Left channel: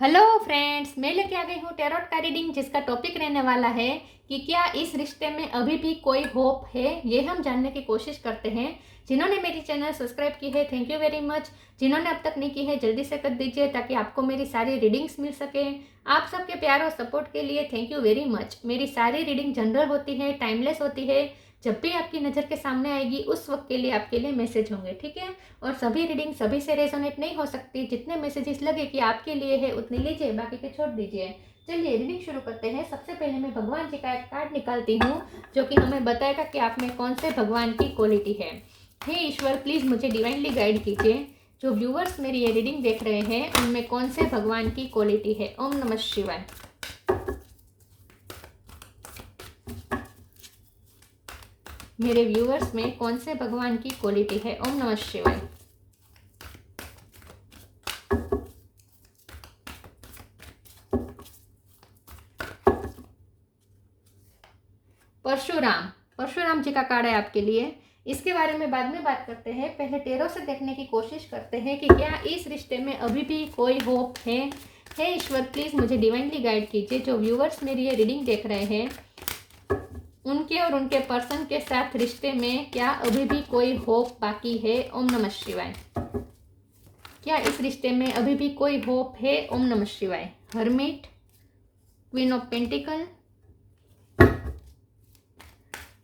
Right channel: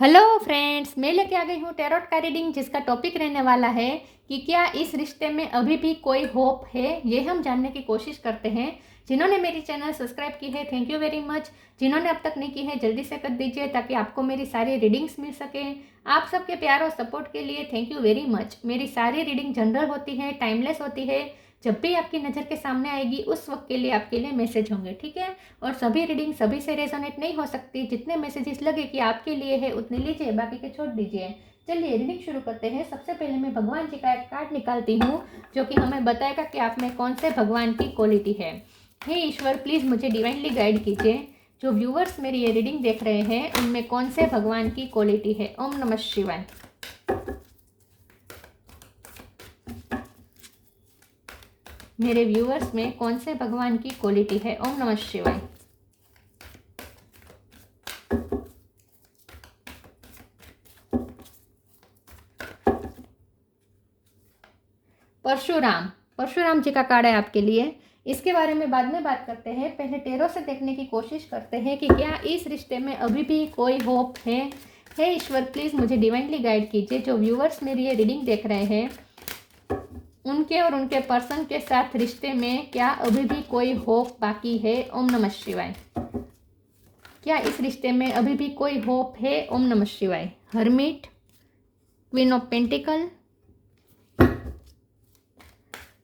Hello friends, मैं लेके आ गई हूँ टैरोट का रीडिंग जिसका टॉपिक रहने वाला है कि क्या इस रिश्ते में अभी भी कोई होप है। ये हम जानने की कोशिश करते हैं। जिन्होंने मेरी चैनल सब्सक्राइब की है, थैंक यू वेरी मच। जिन्होंने अब तक नहीं की है, जल्दी से कर दीजिए ताकि आपको मेरी सारी रीडिंग्स मिल सके। आप सबके प्यार और सपोर्ट के लिए थैंक यू वेरी मच। मेरी सारी रीडिंग जनरल होती है, टाइमलेस होती है। जब भी आपकी नज़र के सामने आएगी उस वक्त के लिए आपके लिए मैसेज होंगे, ठीक है। और सभी रीडिंग सभी से रेजोनेट नहीं हो सकती। जितने मैसेजेस लगे कि आपके लिए है उतने लीजिए, बाकी के छोड़ दीजिए। चलिए रीडिंग शुरू करते हैं। सबसे पहले मैं भगवान जी का एक कार्ड निकालती हूँ जो कि हमें बताएगा कि आप में कौन से भगवान की क्वालिटी है। हे ईश्वर, प्लीज़ मुझे डिवाइनली गाइड कीजिए। जो व्यूवर्स मेरी ये रीडिंग देख रहे हैं उनमें कौन से भगवान की क्वालिटी है। ओम नमः शिवाय। मेरे व्यूवर्स में कौन से भगवान की क्वालिटी है। ओम नमः शिवाय। परशुराम जी का कार्ड है आपके लिए। इसके बारे में बाद में बात करते हैं। पहले टेरो से देखने की कोशिश करते हैं कि क्या इस रिश्ते में अभी भी कोई होप है। हे ईश्वर, प्लीज़ मुझे डिवाइनली गाइड कीजिए। जो व्यूवर्स मेरी ये रीडिंग देख रहे हैं उनके और उनके पर्सन के साथ रिश्ते में क्या अभी भी कोई होप बाकी है। ओम नमः शिवाय। क्या इस रिश्ते में अभी भी कोई होप है। ओम नमः शिवाय। Hermit, queen of pentacle.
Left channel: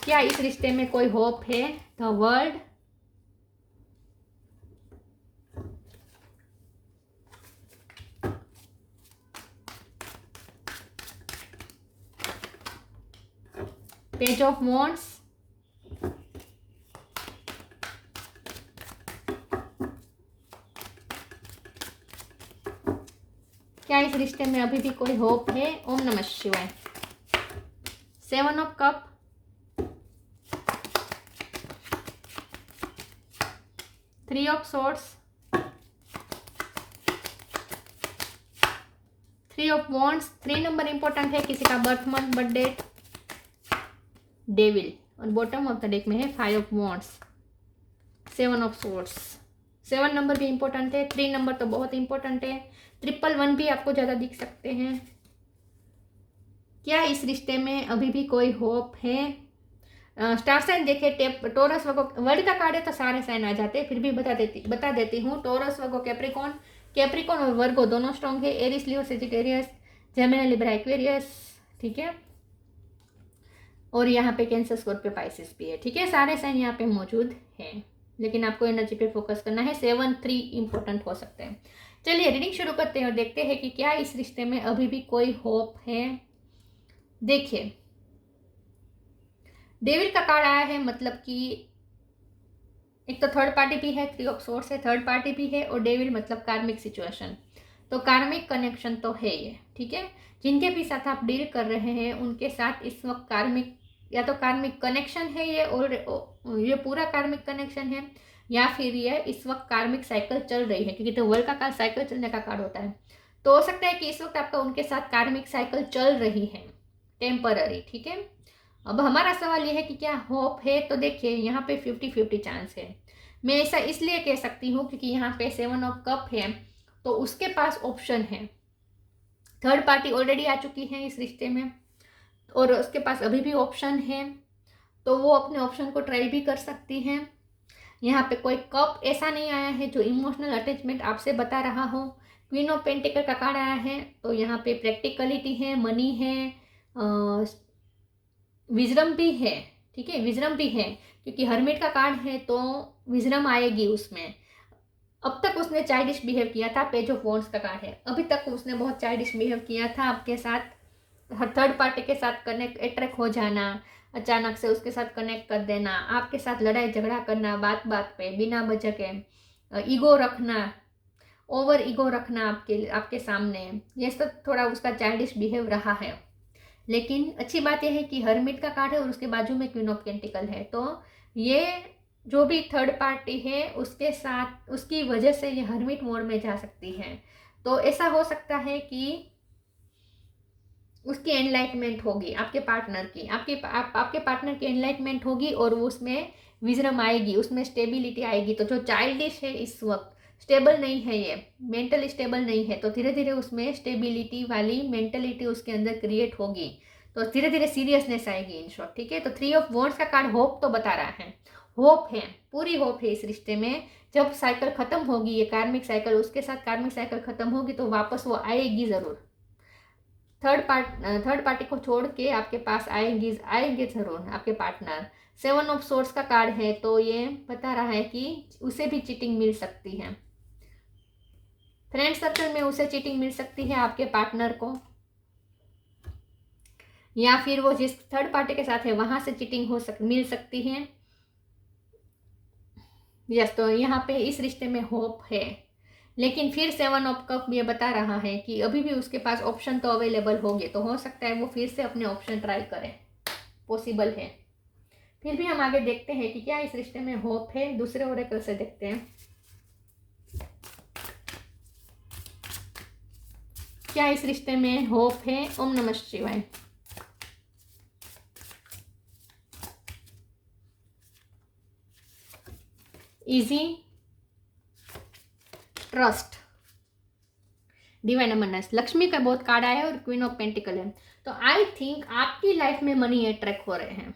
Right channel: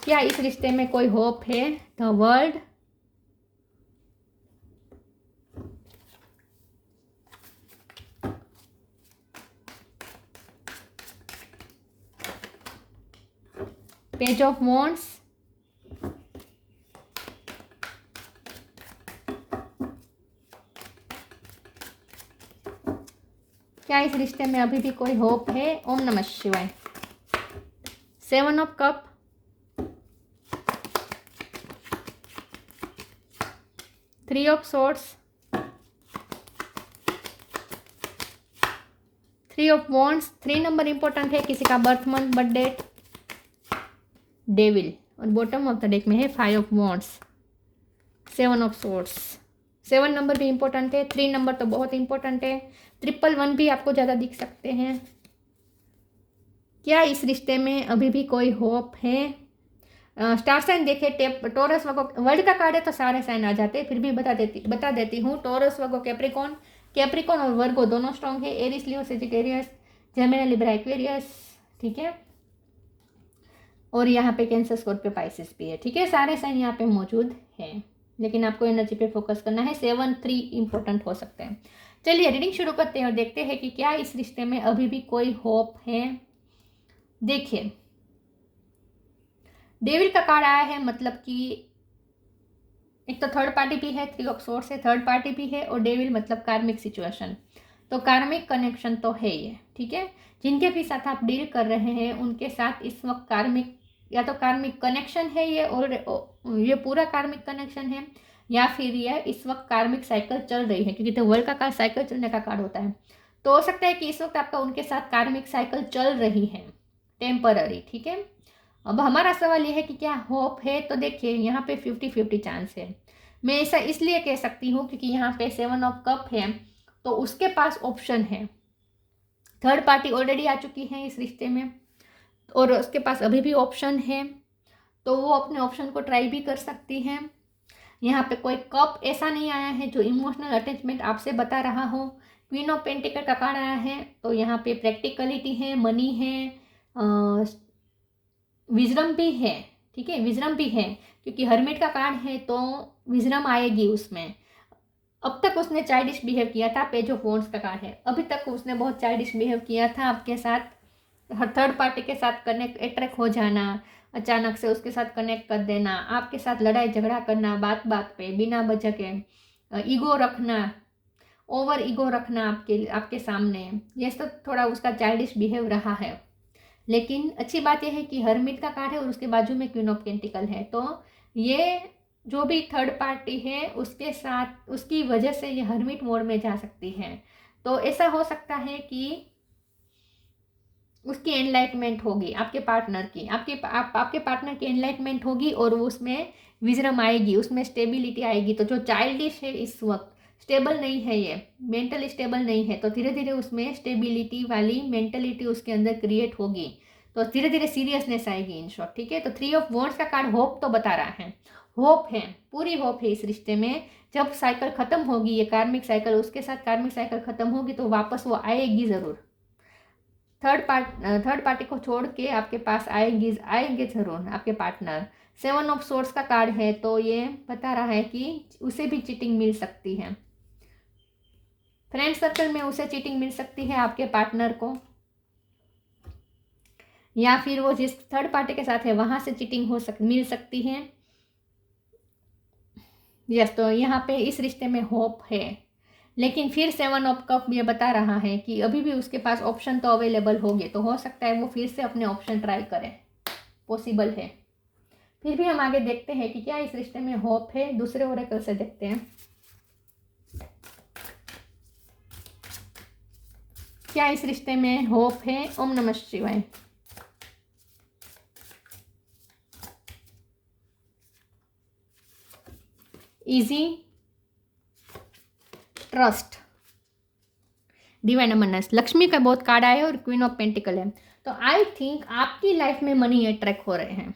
क्या इस रिश्ते में कोई होप है। The world, page of wands, क्या इस रिश्ते में अभी भी कोई होप है। ओम नमः शिवाय। Seven of cup, three of swords, three of wands. 3 number important है, किसी का birth month, birth date, devil. और बॉटम ऑफ द डेक में है 5 of wands, 7 of swords. 7 number भी इंपॉर्टेंट है, 3 नंबर तो बहुत इंपॉर्टेंट है। 111 भी आपको ज़्यादा दिख सकते हैं। क्या इस रिश्ते में अभी भी कोई होप है। स्टार साइन देखे, टोरस वगो, वर्ल्ड का कार्ड है तो सारे साइन आ जाते हैं, फिर भी बता देती हूँ। टोरस वगो कैप्रिकॉन और वर्गो दोनों स्ट्रॉन्ग है। एरिस, लियो, सेजिटेरियस, जेमिनी, लिब्रा, एक्वेरियस, ठीक है। और यहाँ पे कैंसर, स्कॉर्पियो, पाइसेस भी है, ठीक है। सारे साइन यहाँ पे मौजूद हैं, लेकिन आपको एनर्जी पे फोकस करना है। 7, 3 इंपॉर्टेंट हो सकते हैं। चलिए रीडिंग शुरू करते हैं और देखते हैं कि क्या इस रिश्ते में अभी भी कोई होप है। देखिए, डेविल का कार्ड आया है, मतलब कि एक तो थर्ड पार्टी भी है, 3 ऑफ सोर्ड्स है, थर्ड पार्टी भी है, और डेविल मतलब कार्मिक सिचुएशन। तो कार्मिक कनेक्शन तो है ये, ठीक है। जिनके भी साथ आप डील कर रहे हैं उनके साथ इस वक्त कार्मिक, या तो कार्मिक कनेक्शन है ये, और ये पूरा कार्मिक कनेक्शन है, या फिर ये इस वक्त कार्मिक साइकिल चल रही है, क्योंकि तो वर्ल्ड का कार्ड साइकिल चलने का कार्ड होता है। तो हो सकता है कि इस वक्त आपका उनके साथ कार्मिक साइकिल चल रही है, टेम्पररी, ठीक है। अब हमारा सवाल यह है कि क्या होप है। तो देखिए, यहाँ पे 50-50 चांस है। मैं ऐसा इसलिए कह सकती हूँ क्योंकि यहाँ पे 7 ऑफ कप है, तो उसके पास ऑप्शन है। थर्ड पार्टी ऑलरेडी आ चुकी है इस रिश्ते में, और उसके पास अभी भी ऑप्शन है, तो वो अपने ऑप्शन को ट्राई भी कर सकती है। यहाँ पे कोई कप ऐसा नहीं आया है जो इमोशनल अटैचमेंट आपसे बता रहा हो। क्वीन ऑफ पेंटिकल का कार्ड आया है, तो यहाँ पे प्रैक्टिकलिटी है, मनी है, विजडम भी है, ठीक है। विजडम भी है क्योंकि हर्मिट का कार्ड है, तो विजडम आएगी उसमें। अब तक उसने चाइल्डिश बिहेव किया था। पेज ऑफ वॉन्ड्स का कार्ड है, अभी तक उसने बहुत चाइल्डिश बिहेव किया था आपके साथ। हर थर्ड पार्टी के साथ कनेक्ट, अट्रैक्ट हो जाना, अचानक से उसके साथ कनेक्ट कर देना, आपके साथ लड़ाई झगड़ा करना बात बात पे बिना वजह के, ईगो रखना, ओवर ईगो रखना आपके सामने, ये सब थोड़ा उसका चाइल्डिश बिहेव रहा है। लेकिन अच्छी बात यह है कि हर्मिट का कार्ड है और उसके बाजू में क्वीन ऑफ पेंटिकल है, तो ये जो भी थर्ड पार्टी है उसके साथ, उसकी वजह से ये हर्मिट मोड में जा सकती है। तो ऐसा हो सकता है कि उसकी एनलाइटमेंट होगी, आपके पार्टनर की, आपके पार्टनर की एनलाइटमेंट होगी, और उसमें विजडम आएगी, उसमें स्टेबिलिटी आएगी। तो जो चाइल्डिश है इस वक्त, स्टेबल नहीं है, ये मेंटली स्टेबल नहीं है, तो धीरे धीरे उसमें स्टेबिलिटी वाली मेंटलिटी उसके अंदर क्रिएट होगी, तो धीरे धीरे सीरियसनेस आएगी इन शॉर्ट, ठीक है। तो 3 ऑफ वॉन्ड्स का कार्ड होप तो बता रहा है, होप है, पूरी होप है इस रिश्ते में। जब साइकिल खत्म होगी, ये कार्मिक साइकिल, उसके साथ कार्मिक साइकिल खत्म होगी तो वापस वो आएगी ज़रूर, थर्ड पार्टी को छोड़ के आपके पास आएंगे ज़रूर आपके पार्टनर। 7 ऑफ सोर्स का कार्ड है, तो ये बता रहा है कि उसे भी चीटिंग मिल सकती है, फ्रेंड सर्कल में उसे चीटिंग मिल सकती है आपके पार्टनर को, या फिर वो जिस थर्ड पार्टी के साथ है वहां से चीटिंग मिल सकती है। यस, तो यहाँ पे इस रिश्ते में होप है, लेकिन फिर 7 ऑफ कप ये बता रहा है कि अभी भी उसके पास ऑप्शन तो अवेलेबल होंगे, तो हो सकता है वो फिर से अपने ऑप्शन ट्राई करे, पॉसिबल है। फिर भी हम आगे देखते हैं कि क्या इस रिश्ते में होप है, दूसरे ओरेकल से देखते हैं क्या इस रिश्ते में होप है। ओम नमः शिवाय। इजी, ट्रस्ट, डिवाइन अमरनेस, लक्ष्मी का बहुत कार्ड आया है और क्वीन ऑफ पेंटिकल है, तो आई थिंक आपकी लाइफ में मनी अट्रैक्ट हो रहे हैं।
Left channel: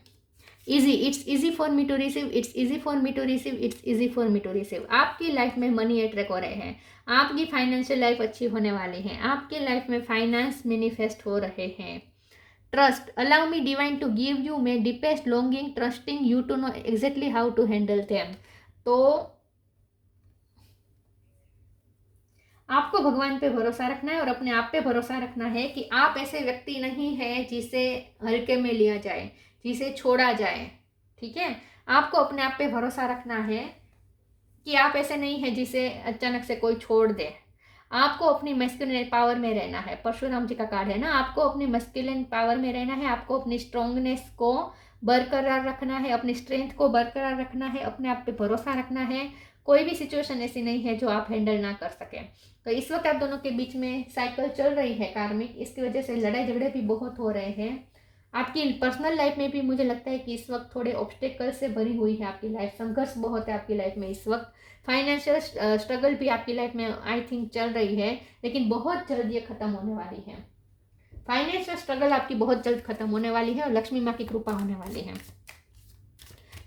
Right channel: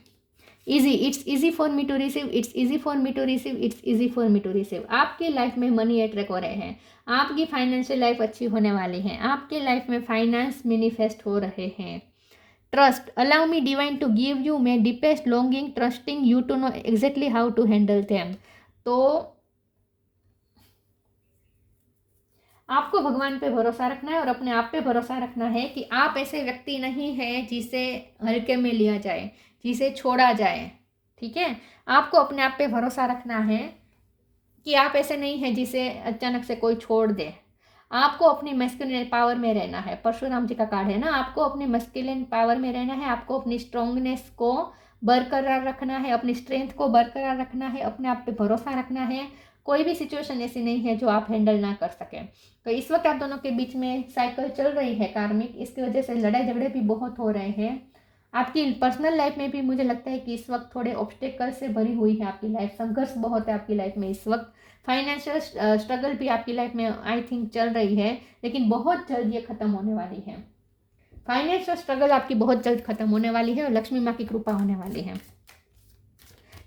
Easy, it's easy for me to receive, it's easy for me to receive, it's easy for me to receive. आपकी लाइफ में मनी अट्रैक्ट हो रहे हैं, आपकी फाइनेंशियल लाइफ अच्छी होने वाली है, आपकी लाइफ में फाइनेंस मैनिफेस्ट हो रहे हैं। Trust, allow me divine to give you me deepest longing trusting you to know exactly how to handle them. तो आपको भगवान पे भरोसा रखना है और अपने आप पे भरोसा रखना है कि आप ऐसे व्यक्ति नहीं हैं जिसे हल्के में लिया जाए, जिसे छोड़ा जाए, ठीक है। आपको अपने आप पे भरोसा रखना है कि आप ऐसे नहीं हैं जिसे अचानक से कोई छोड़ दे। आपको अपनी मस्कुलिन पावर में रहना है, परशुराम जी का कार्ड है ना, आपको अपनी मस्कुलिन पावर में रहना है, आपको अपनी स्ट्रॉन्गनेस को बरकरार रखना है, अपनी स्ट्रेंथ को बरकरार रखना है, अपने आप पे भरोसा रखना है। कोई भी सिचुएशन ऐसी नहीं है जो आप हैंडल ना कर सकें। तो इस वक्त आप दोनों के बीच में साइकिल चल रही है कार्मिक, इसकी वजह से लड़ाई झगड़े भी बहुत हो रहे हैं। आपकी पर्सनल लाइफ में भी मुझे लगता है कि इस वक्त थोड़े ऑब्स्टेकल से भरी हुई है आपकी लाइफ, संघर्ष बहुत है आपकी लाइफ में इस वक्त। फाइनेंशियल स्ट्रगल भी आपकी लाइफ में आई थिंक चल रही है, लेकिन बहुत जल्द ये खत्म होने वाली है। फाइनेंशियल स्ट्रगल आपकी बहुत जल्द खत्म होने वाली है और लक्ष्मी माँ की कृपा होने वाली है।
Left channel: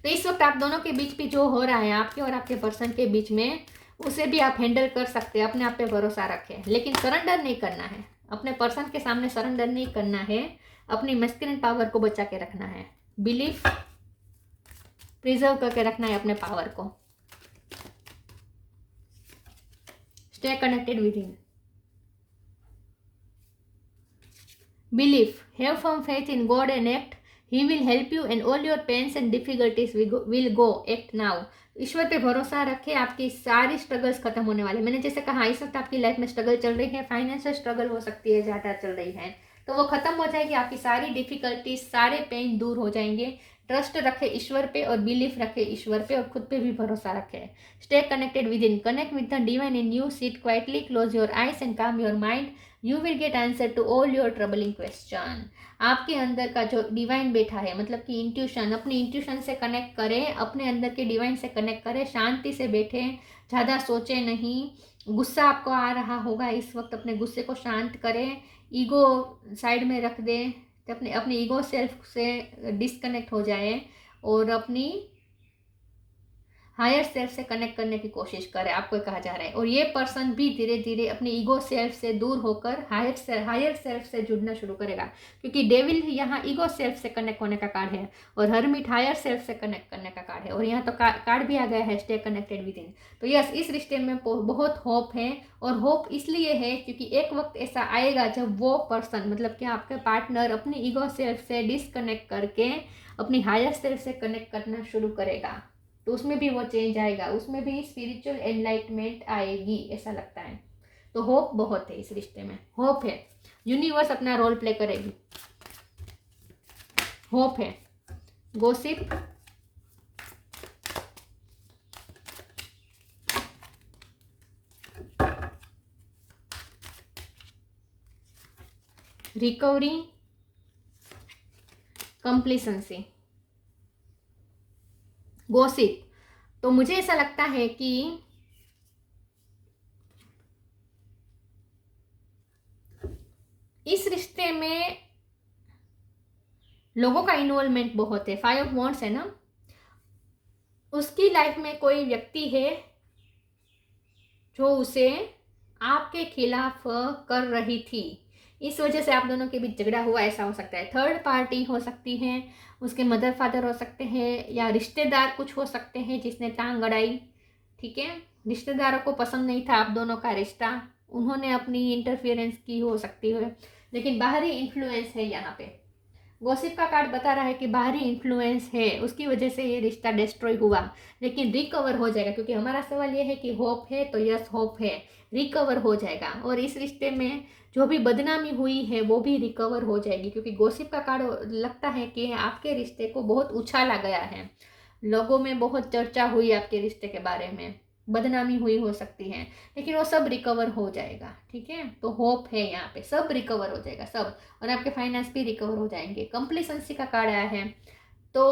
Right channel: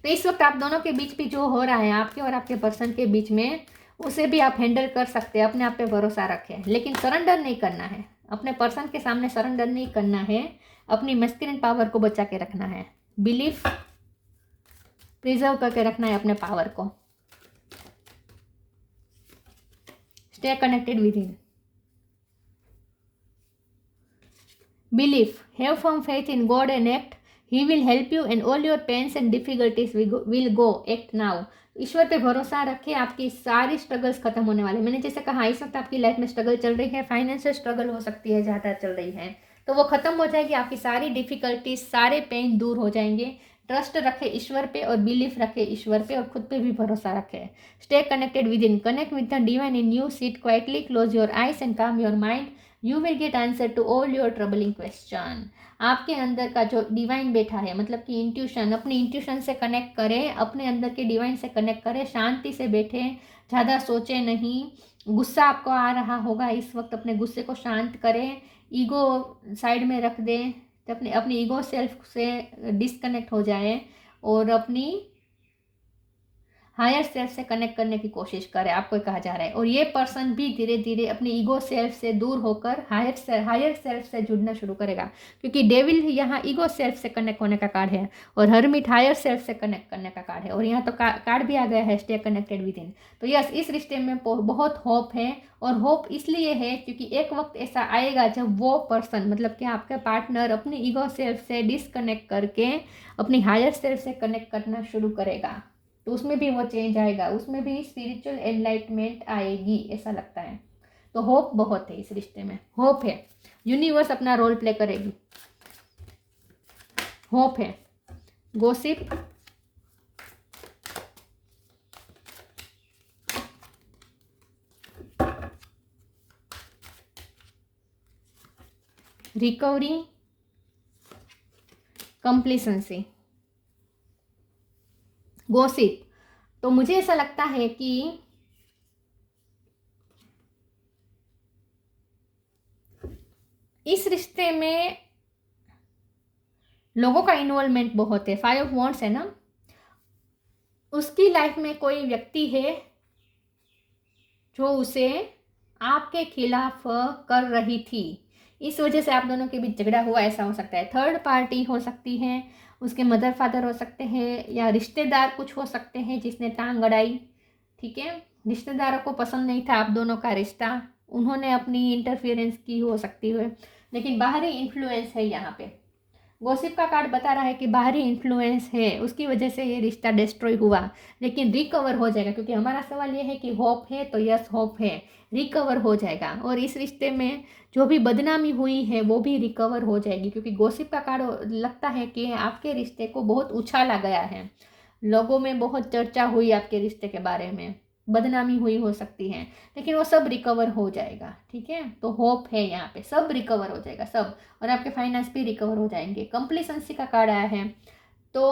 तो इस वक्त आप दोनों के बीच भी जो हो रहा है, आपके और आपके पर्सन के बीच में, उसे भी आप हैंडल कर सकते हैं। अपने आप पे भरोसा रखें, लेकिन सरेंडर नहीं करना है, अपने पर्सन के सामने सरेंडर नहीं करना है, अपनी मस्कुलिन पावर को बचा के रखना है, बिलीफ प्रिजर्व करके रखना है अपने पावर को। Stay connected within, belief, have firm faith in God and act, he will help you and all your pains and difficulties will go, act now. ईश्वर पे भरोसा रखें, आपकी सारी स्ट्रगल्स खत्म होने वाली। मैंने जैसे कहा, इस वक्त आपकी लाइफ में स्ट्रगल चल रही है, फाइनेंशियल स्ट्रगल हो सकती है ज़्यादा चल रही है, तो वो खत्म हो जाएगी, आपकी सारी डिफिकल्टीज सारे पेन दूर हो जाएंगे। ट्रस्ट रखे ईश्वर पे और बिलीफ रखे ईश्वर पे और खुद पे भी भरोसा रखे। Stay connected within, connect with the divine in you, sit quietly, close your eyes and calm your mind, you will get answer to all your troubling question. आपके अंदर का जो डिवाइन बैठा है, मतलब कि इंट्यूशन, अपनी इंट्यूशन से कनेक्ट करें, अपने अंदर के डिवाइन से कनेक्ट करें, शांति से बैठें, ज़्यादा सोचें नहीं। गुस्सा आपको आ रहा होगा इस वक्त, अपने गुस्से को शांत करें, ईगो साइड में रख दें, अपने अपनी ईगो सेल्फ से डिस्कनेक्ट हो जाए और अपनी हायर सेल्फ से कनेक्ट करने की कोशिश करें, आपको कहा जा रहा है। और ये पर्सन भी धीरे धीरे अपनी ईगो सेल्फ से दूर होकर हायर सेल्फ से जुड़ना शुरू करेगा, क्योंकि डेविल यहाँ ईगो सेल्फ से कनेक्ट होने का कार्ड है और हरमिट हायर सेल्फ से कनेक्ट करने का कार्ड है, और यहाँ तो कार्ड भी आ गया है स्टे कनेक्टेड विद इन। तो यस, इस रिश्ते में बहुत होप है, और होप इसलिए है क्योंकि एक वक्त ऐसा आएगा जब वो पर्सन, मतलब कि आपका पार्टनर, अपनी ईगो सेल्फ से डिसकनेक्ट करके अपनी हायर सेल्फ से कनेक्ट करना शुरू करेगा, तो उसमें भी वो चेंज आएगा, उसमें भी स्पिरिचुअल एनलाइटमेंट आएगी, ऐसा लगता है। तो होप बहुत है इस रिश्ते में, होप है, यूनिवर्स अपना रोल प्ले करेगी, होप है। Gossip, recovery, complacency, gossip. तो मुझे ऐसा लगता है कि इस रिश्ते में लोगों का इन्वॉल्वमेंट बहुत है। 5 ऑफ वॉन्ड्स है ना, उसकी लाइफ में कोई व्यक्ति है जो उसे आपके खिलाफ कर रही थी, इस वजह से आप दोनों के बीच झगड़ा हुआ, ऐसा हो सकता है। थर्ड पार्टी हो सकती है, उसके मदर फादर हो सकते हैं, या रिश्तेदार कुछ हो सकते हैं जिसने टांग अड़ाई। ठीक है, रिश्तेदारों को पसंद नहीं था आप दोनों का रिश्ता, उन्होंने अपनी इंटरफियरेंस की हो सकती है। लेकिन बाहरी इन्फ्लुएंस है यहाँ पे, गॉसिप का कार्ड बता रहा है कि बाहरी इन्फ्लुएंस है, उसकी वजह से ये रिश्ता डिस्ट्रॉय हुआ, लेकिन रिकवर हो जाएगा। क्योंकि हमारा सवाल ये है कि होप है, तो यस होप है, रिकवर हो जाएगा। और इस रिश्ते में जो भी बदनामी हुई है वो भी रिकवर हो जाएगी, क्योंकि गॉसिप का कार्ड लगता है कि आपके रिश्ते को बहुत उछाला गया है, लोगों में बहुत चर्चा हुई आपके रिश्ते के बारे में, बदनामी हुई हो सकती है, लेकिन वो सब रिकवर हो जाएगा। ठीक है, तो होप है यहाँ पे, सब रिकवर हो जाएगा सब, और आपके फाइनेंस भी रिकवर हो जाएंगे। कंप्लीसेंसी का कार्ड आया है, तो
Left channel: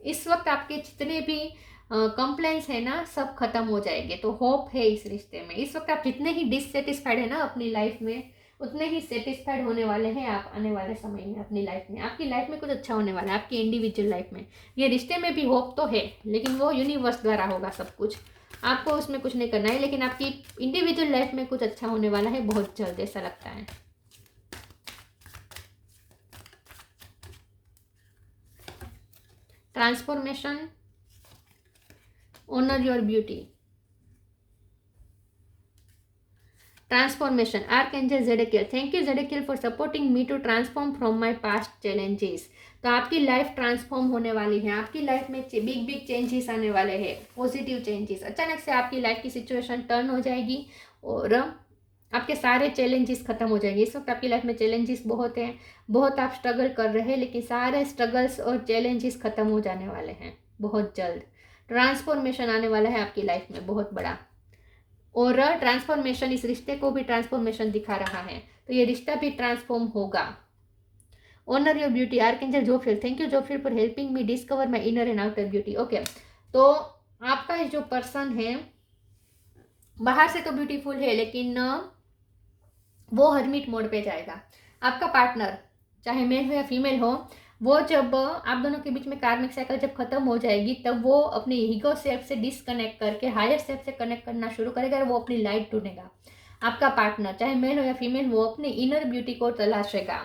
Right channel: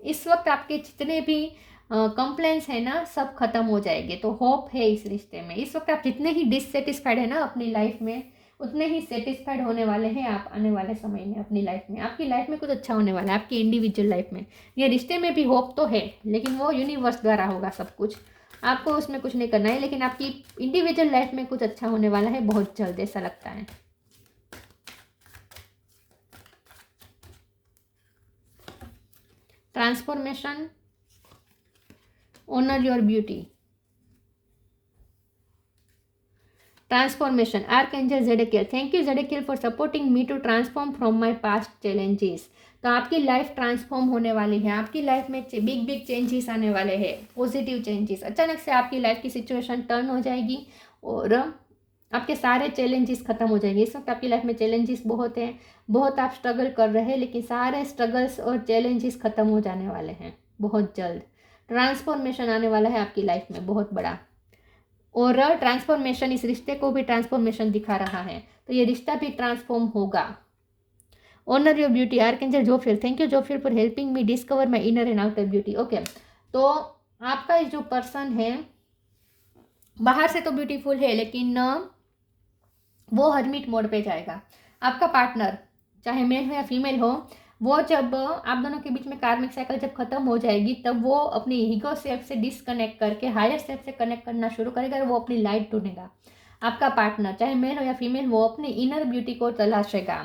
इस वक्त आपके जितने भी कंप्लेंट्स है ना सब खत्म हो जाएंगे, तो होप है इस रिश्ते में। इस वक्त आप जितने ही डिससेटिस्फाइड है ना अपनी लाइफ में, उतने ही सेटिस्फाइड होने वाले हैं आप आने वाले समय में अपनी लाइफ में। आपकी लाइफ में कुछ अच्छा होने वाला है, आपकी इंडिविजुअल लाइफ में। ये रिश्ते में भी होप तो है, लेकिन वो यूनिवर्स द्वारा होगा सब कुछ, आपको उसमें कुछ नहीं करना है, लेकिन आपकी इंडिविजुअल लाइफ में कुछ अच्छा होने वाला है बहुत जल्द, ऐसा लगता है। Transformation, honour your beauty, transformation, archangel Zadkiel, thank you Zadkiel for supporting me to transform from my past challenges. तो आपकी लाइफ ट्रांसफॉर्म होने वाली है, आपकी लाइफ में बिग बिग चेंजेस आने वाले हैं, पॉजिटिव चेंजेस। अचानक से आपकी लाइफ की सिचुएशन टर्न हो जाएगी और आपके सारे चैलेंजेस खत्म हो जाएंगे। इस वक्त आपकी लाइफ में चैलेंजेस बहुत हैं, बहुत आप स्ट्रगल कर रहे हैं, लेकिन सारे स्ट्रगल्स और चैलेंजेस खत्म हो जाने वाले हैं बहुत जल्द। ट्रांसफॉर्मेशन आने वाला है आपकी लाइफ में बहुत बड़ा, और ट्रांसफॉर्मेशन इस रिश्ते को भी ट्रांसफॉर्मेशन दिखा रहा है, तो ये रिश्ता भी ट्रांसफॉर्म होगा। Honour your beauty, archangel Jophiel, thank you Jophiel for helping me discover my inner and outer beauty. Okay, तो आपका जो पर्सन है बाहर से तो ब्यूटीफुल है, लेकिन वो हर्मिट मोड पे जाएगा। आपका पार्टनर चाहे मेल हो या फीमेल हो, वो जब आप दोनों के बीच में कार्मिक साइकिल जब खत्म हो जाएगी, तब वो अपनी ईगो सेल्फ से डिसकनेक्ट करके हायर सेल्फ से कनेक्ट करना शुरू करेगा, और वो अपनी लाइट ढूंढेगा। आपका पार्टनर चाहे मेल हो या फीमेल, वो अपनी इनर ब्यूटी को तलाशेगा,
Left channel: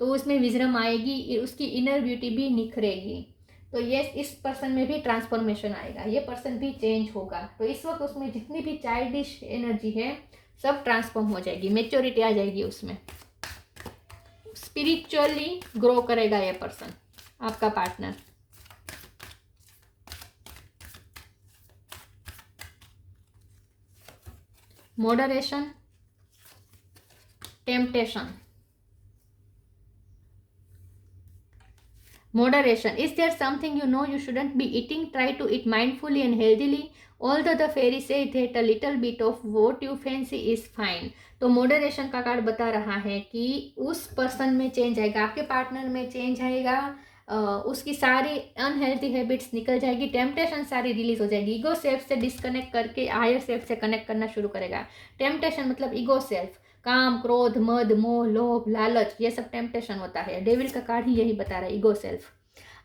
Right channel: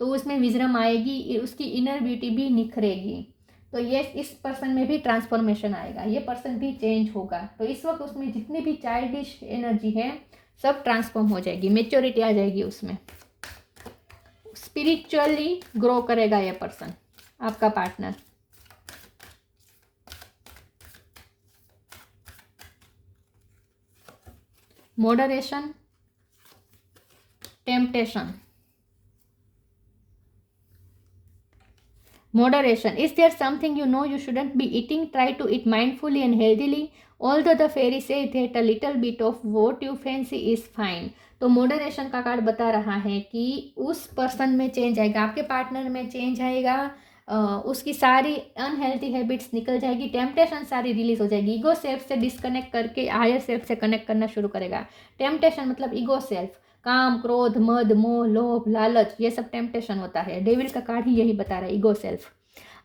तो उसमें विजडम आएगी, उसकी इनर ब्यूटी भी निखरेगी। तो ये इस पर्सन में भी ट्रांसफॉर्मेशन आएगा, ये पर्सन भी चेंज होगा। तो इस वक्त उसमें जितनी भी चाइल्डिश एनर्जी है सब ट्रांसफॉर्म हो जाएगी, मेच्योरिटी आ जाएगी उसमें, स्पिरिचुअली ग्रो करेगा ये पर्सन, आपका partner. Moderation, temptation, moderation, is there something you know you shouldn't be eating? Try to eat mindfully and healthily, although the fairy say that a little bit of what you fancy is fine. तो moderation का card बता रहा है कि उस person में change आएगा, आपके पार्टनर में चेंज आएगा, उसकी सारी अनहेल्थी हैबिट्स निकल जाएगी, टेम्पटेशन सारी रिलीज हो जाएगी, ईगो सेल्फ से डिस्कनेक्ट करके हायर सेल्फ से कनेक्ट करना शुरू करेगा। टेम्पटेशन मतलब ईगो सेल्फ, काम, क्रोध, मद, मोह, लोभ, लालच, ये सब टेम्पटेशन होता है। डेविल का कार्ड ही यही बता रहा है, ego self.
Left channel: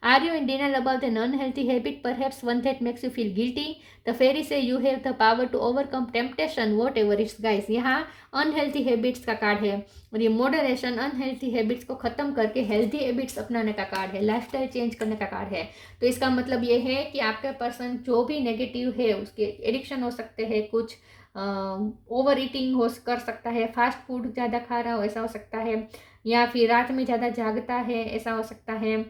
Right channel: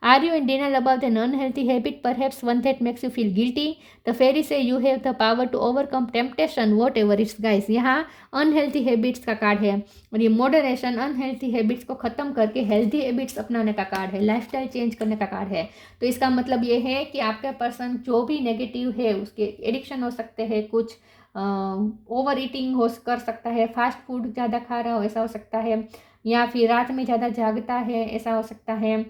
Are you in denial about an unhealthy habit, perhaps one that makes you feel guilty? The fairy say you have the power to overcome temptation, whatever it's guys। यहाँ unhealthy habits का card है, और ये moderation unhealthy habits को ख़त्म करके healthy habits अपनाने का कार्ड है, लाइफस्टाइल चेंज करने का कार्ड है। तो इसका मतलब ये है कि आपका पर्सन जो भी नेगेटिव है, उसके एडिक्शन हो सकते हैं, कुछ ओवर ईटिंग हो कर सकता है, फास्ट फूड ज़्यादा खा रहा हो ऐसा हो सकता है, या फिर रात में ज़्यादा जागता है ऐसा हो सकता है।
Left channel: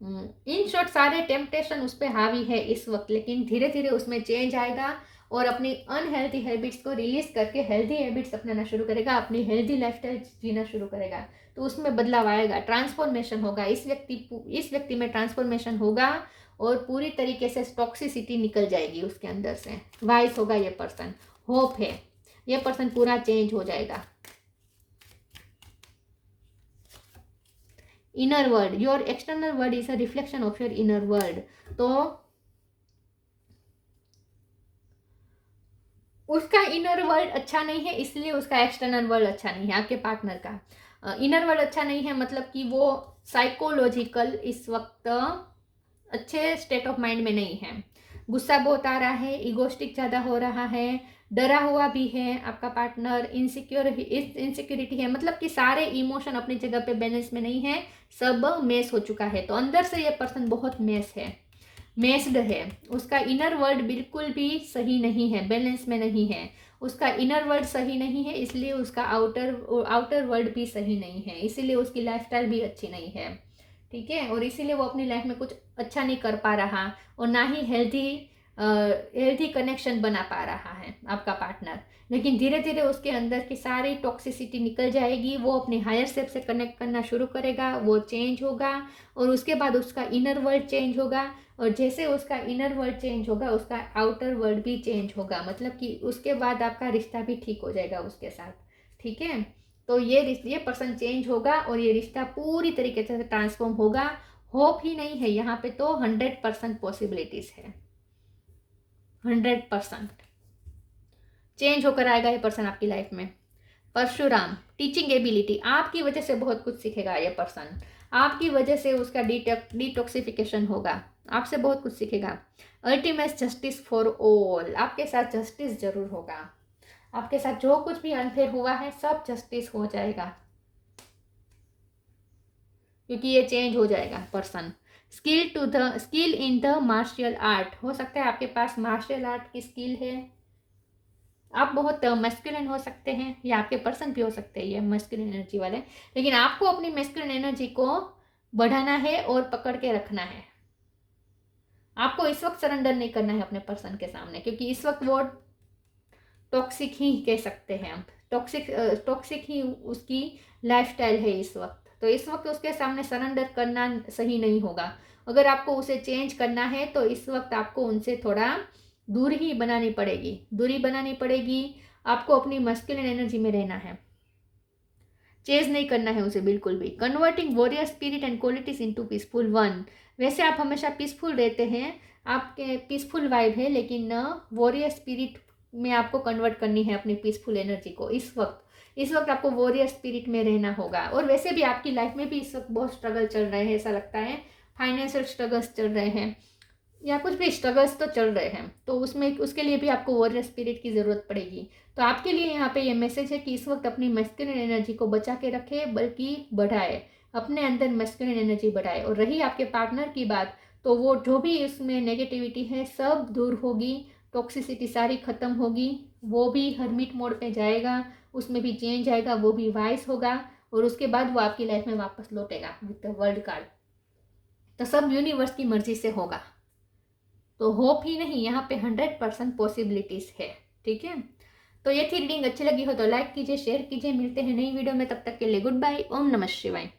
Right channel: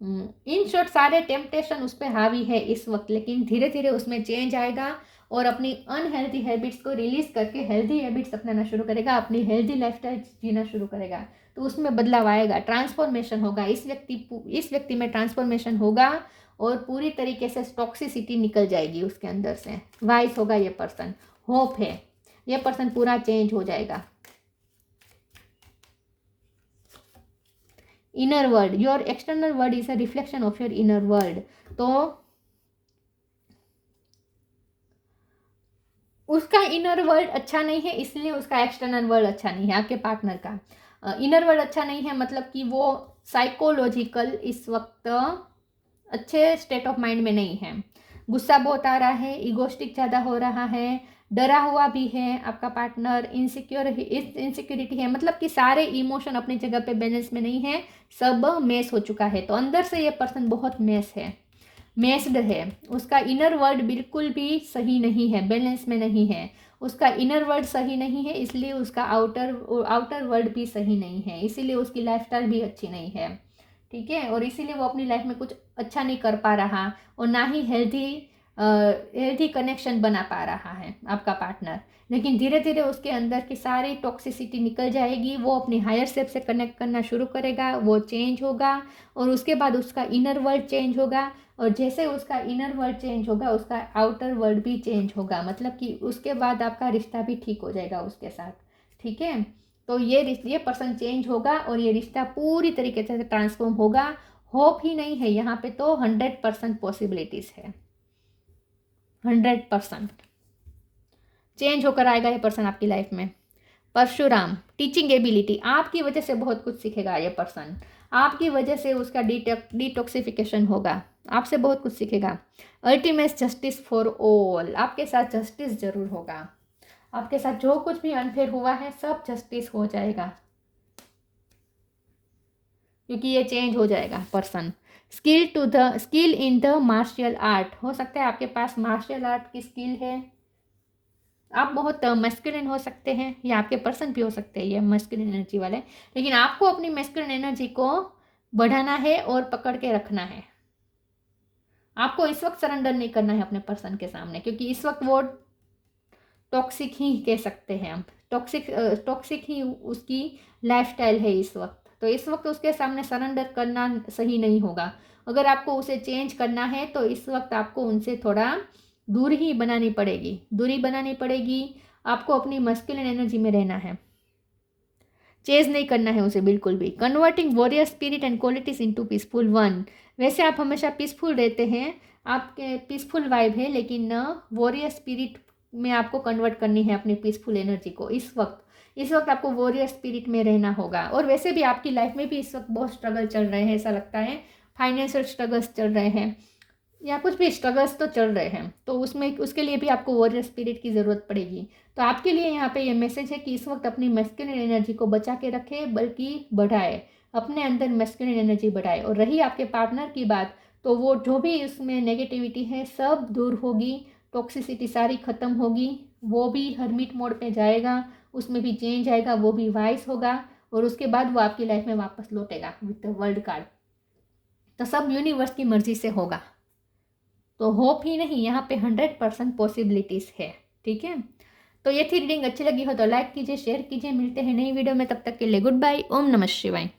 इन शॉर्ट सारे टेम्पटेशन उस पर हावी है इस वक्त, लेकिन धीरे धीरे उसमें चेंज आएगा और अपनी अनहेल्थी हैबिट्स को रिलीज करके हेल्थी हैबिट्स अपनाना शुरू करेगा, अपनी हेल्थी लाइफस्टाइल जीना शुरू करेगा। तो उसमें बदलाव आएगा, ट्रांसफॉर्मेशन होगा, इस व्यक्ति में ट्रांसफॉर्मेशन होगा, और पूरी तरीके से टॉक्सिसिटी निकल जाएगी उसके अंदर से, वाइस होगा ये पर्सन। होप है ये पर्सन पूरा चेंज हो जाएगा। Inner world, your external world is a reflection of your inner world. तो उसका इनर वर्ल्ड अच्छा नहीं है, इसलिए उसका एक्सटर्नल वर्ल्ड अच्छा नहीं है। आपके पार्टनर का इनर वर्ल्ड अच्छा नहीं है, मतलब कि वो साइकोलॉजिकल इस वक्त अच्छे स्टेट ऑफ माइंड में नहीं है। गुस्सा बहुत आ रहा है, इगोस्टिक ज़्यादा हो रहा है, डरा हुआ भी है आपका पार्टनर, इनसिक्योरिटी है, मतलब कि सारे इमोशन अपनी जगह पे बैलेंस में नहीं है, सब मेस हो चुका है। तो अंदर से ये पर्सन बहुत मेस्ड है। उसका इनर वर्ल्ड बिल्कुल भी सही नहीं है, बैलेंस में नहीं है। उसका इनर वर्ल्ड सही नहीं है, इसलिए उसका आउटर वर्ल्ड भी सही नहीं है, इसीलिए उसकी लाइफस्टाइल भी अच्छी नहीं है। ठीक है, और इसीलिए वो अपनी लाइफ में कुछ अच्छा नहीं कर पा रहा, और ना ही हेल्थी कनेक्शन बना पा रहा है आपका पार्टनर। लेकिन धीरे धीरे उसके अंदर की सारी टॉक्सिसिटी निकल जाएगी, वो अपनी हायर सेल्फ से कनेक्ट करना शुरू करेगा, वो चेंज होगा, और उसके बाद उसका इनर वर्ल्ड चेंज होगा, और जैसे उसका इनर वर्ल्ड चेंज होगा उसका आउटर वर्ल्ड भी चेंज होगा, मतलब कि उसके बाद आपका रिश्ता भी ठीक हो जाएगा उसके साथ। ठीक है, तो ये पर्सन चेंज होगा और ये रिश्ता पूरी तरीके से ट्रांसफॉर्म होगा। होप ही नहीं है यहाँ पे, तो 100% पॉसिबिलिटीज है, 100% चेंज होकर आएगा ये पर्सन आपकी लाइफ में। परशुराम, टीचिंग एबिलिटी, आपकी वजह से बहुत कुछ सीखेगा ये पर्सन, आपकी वजह से उसका डिटॉक्सिफिकेशन होगा, आपसे बहुत कुछ सीखेगा। अल्टीमेट जस्टिस फॉर ऑल, आपके साथ जस्टिस जरूर होगा, आपके साथ जो कुछ भी अनफेयर हुआ है सब जस्टिस हो जाएगा, क्योंकि ये चेंज हो जाएगा person. Skill in the martial art, हो सकता है आपके पास मार्शल आर्ट की स्किल है, आप बहुत मैस्कुलिन हो सकते हैं, या आपके पर्सन भी हो सकते हैं ये मैस्कुलिन एनर्जी वाले, लेकिन आपको अपनी मैस्कुलिन एनर्जी को बढ़ाना है और पकड़ के रखना है। आपको इस वक्त सरेंडर नहीं करना है अपने पर्सन के सामने, क्योंकि इस वक्त वो टॉक्सिक ही कह सकते हैं हम, टॉक्सिक ही उसकी लाइफस्टाइल है इस वक्त। तो इस वक्त उसके सामने सरेंडर करना सही नहीं होगा। अगर आपको उसे चेंज करना है तो इस वक्त आपको उनसे थोड़ा दूरी बनानी पड़ेगी। आपको अपनी मस्कुलिन एनर्जी में रहना है, चेज नहीं करना है उसे बिल्कुल भी। Converting warrior spirit and qualities into peaceful one, वैसे आप हमेशा पीसफुल रहते हैं, आपके पीसफुल वाइब है, लेकिन वॉरियर स्पिरिट में आपको कन्वर्ट करनी है अपनी पीसफुल एनर्जी को। इस वक्त आपको वॉरियर स्पिरिट में रहना होगा। और वैसे भी आपकी लाइफ में भी इस वक्त बहुत स्ट्रगल चल रहे हैं, ऐसा लगता है फाइनेंशियल स्ट्रगल्स चल रहे हैं, या कुछ भी स्ट्रगल्स तो चल रहे हैं, तो उसके लिए भी आपको वॉरियर स्पिरिट की ज़रूरत पड़ेगी। तो आपके लिए यहाँ पे ये मैसेज है कि इस वक्त अपनी मैस्कुलिन एनर्जी को बचा के रखे, बल्कि बढ़ाए, अपने अंदर मैस्कुलिन एनर्जी बढ़ाए। और रही आपके पार्टनर की बात, तो वो जो भी इसमें नेगेटिविटी है सब दूर होगी, टॉक्सिसिटी सारी खत्म होगी, वो भी हरमिट मोड पे जाएगा, उसमें भी चेंज आएगा, वो भी वाइस होगा, और उसके बाद वो आपकी लाइफ में वापस लौटेगा विद द वर्ल्ड कार्ड। तो सब यूनिवर्स की मर्जी से होगा, तो होप ही नहीं, यहाँ पे 100% पॉसिबिलिटीज है। ठीक है, तो ये थी रीडिंग, अच्छी लगी हो तो लाइक कीजिए, शेयर कीजिए, मिलते हैं नई वीडियो में, तब तक के लिए गुड बाय, ओम नमः शिवाय।